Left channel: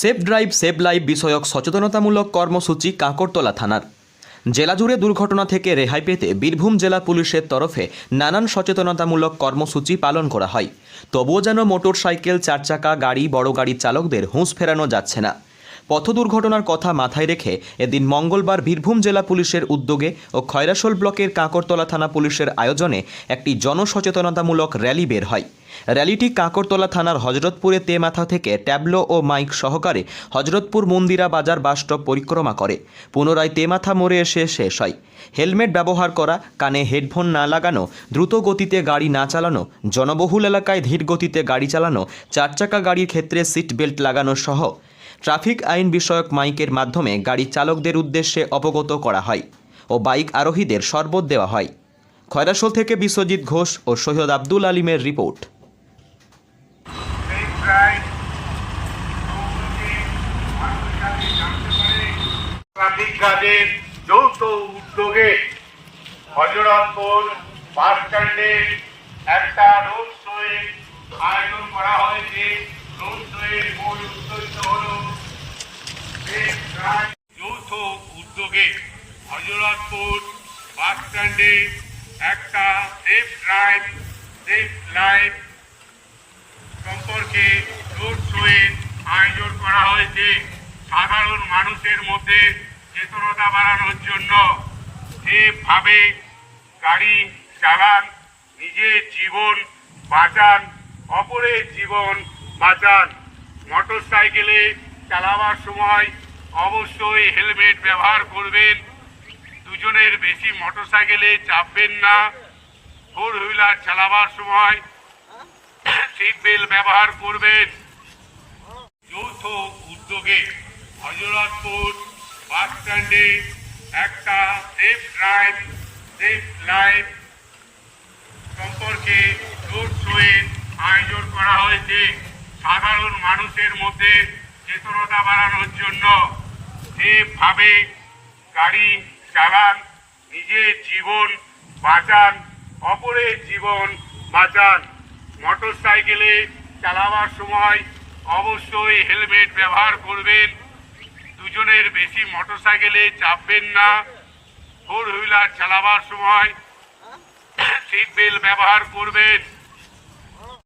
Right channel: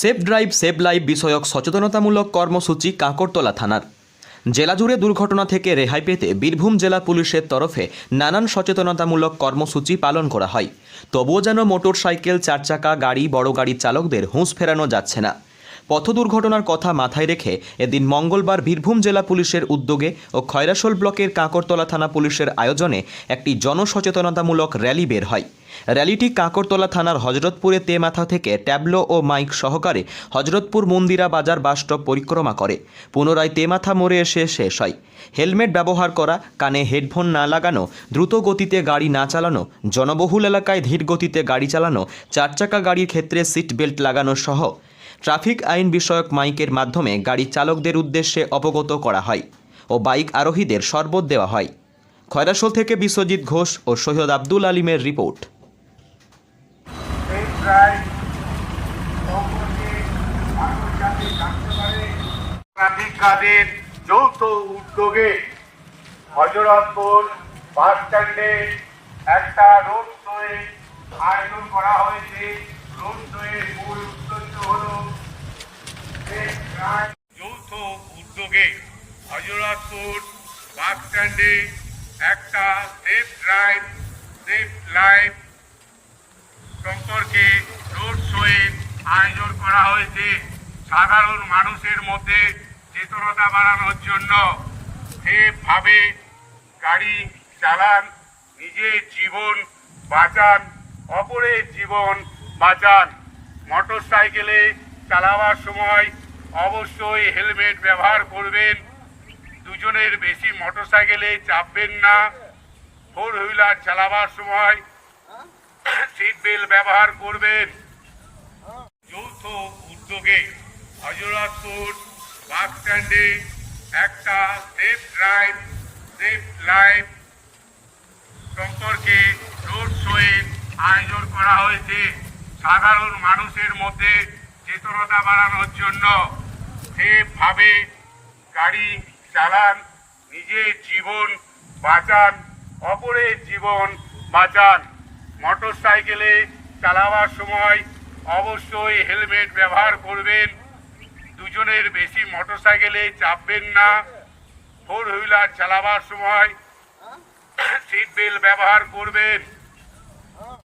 Safe drive save life বিষয়ক সচেতনতামূলক কর্মসূচি কাঁকরতলা থানার। জেলা জুড়ে দুর্ঘটনা থেকে রেহাই পেতে বীরভূম জেলা পুলিশের তরফে নানান সচেতনতামূলক কর্মসূচি পালন করা হয়। তবুও যেন মোটর সাইকেল চার চাকা গাড়ি, বড় গাড়ির চালকদের হুঁশ ফেরানো যাচ্ছে না। পথ দুর্ঘটনার কথা মাথায় রেখে এদিন মঙ্গলবার বীরভূম জেলা পুলিশের উদ্যোগে ও খয়রাশোল ব্লকের কাঁকরতলা থানা পুলিশের আয়োজনে একটি জনসচেতনতামূলক র্যালি বের হয়। র্যালিটি কাঁকরতলা থানার হজরতপুরে তেমাথা থেকে ট্যাবলো ও মাইক সহকারে হজরতপুর মন্দিরা বাজার বাসস্টপ পরিক্রমা করে। পুনরায় তেমাথা মোড়ে এসে শেষ হয়। হেলমেট ব্যবহার করা, কানে হেডফোন না লাগানো, দ্রুত গতিতে গাড়ি না চালানো, জনবহুল এলাকায় ধীর গতিতে গাড়ি চালানো চার চাকা গাড়ির ক্ষেত্রে সিট বেল্ট লাগানো সহ ট্রাফিক আইন বিষয়ক মাইকের মাধ্যমে গাড়ি চালকদের উদ্দেশ্যে অবগত করা হয় ও বাইক আরোহীদের শরবত দেওয়া হয়। খয়রাসোল থেকে বিশ্বজিৎ ঘোষ ও সৈয়দ আব্দুল আলিমের রিপোর্ট। যৌথ উদ্যোগে হজরতপুর বাস স্ট্যান্ডে একটা রোড শোয়ে আয়োজন করা হয়েছে। রোড শোয়ের মূল যৌথ উদ্যোগে হজরতপুর বাস স্ট্যান্ডে একটা সেফ ড্রাইভ, সেফ লাইফ সম্পর্কে রোড শোয়ের আয়োজন করা হয়েছে। সাধারণ মানুষের মধ্যে চেতনতা বাড়ানোর জন্য সেভাবে গাড়ি চালান, নিজের জীবন বাঁচান, অপরের জীবন বাঁচান। মোটর সাইকেলে চালাবার সময় অবশ্যই হেলমেট ব্যবহার করবেন। দুজনের বেশি মোটর সাইকেলে চাপবেন না। ফোর হুইলার চালাবার সময় সিট বেল্ট ব্যবহার করবেন। যৌথ উদ্যোগে হজরতপুর বাস স্ট্যান্ডে একটা সেফ ড্রাইভ সেফ লাইফ সম্পর্কে রোড শোয়ের আয়োজন করা হয়েছে। সাধারণ মানুষের মধ্যে চেতনতা বাড়ানোর জন্য। সেভাবে গাড়ি চালান, নিজের জীবন বাঁচান, অপরের জীবন বাঁচান। মোটর সাইকেলে চালাবার সময় অবশ্যই হেলমেট ব্যবহার করবেন। দুজনের বেশি মোটর সাইকেলে চাপবেন না। ফোর হুইলার চালাবার সময় সিট বেল্ট ব্যবহার করবেন।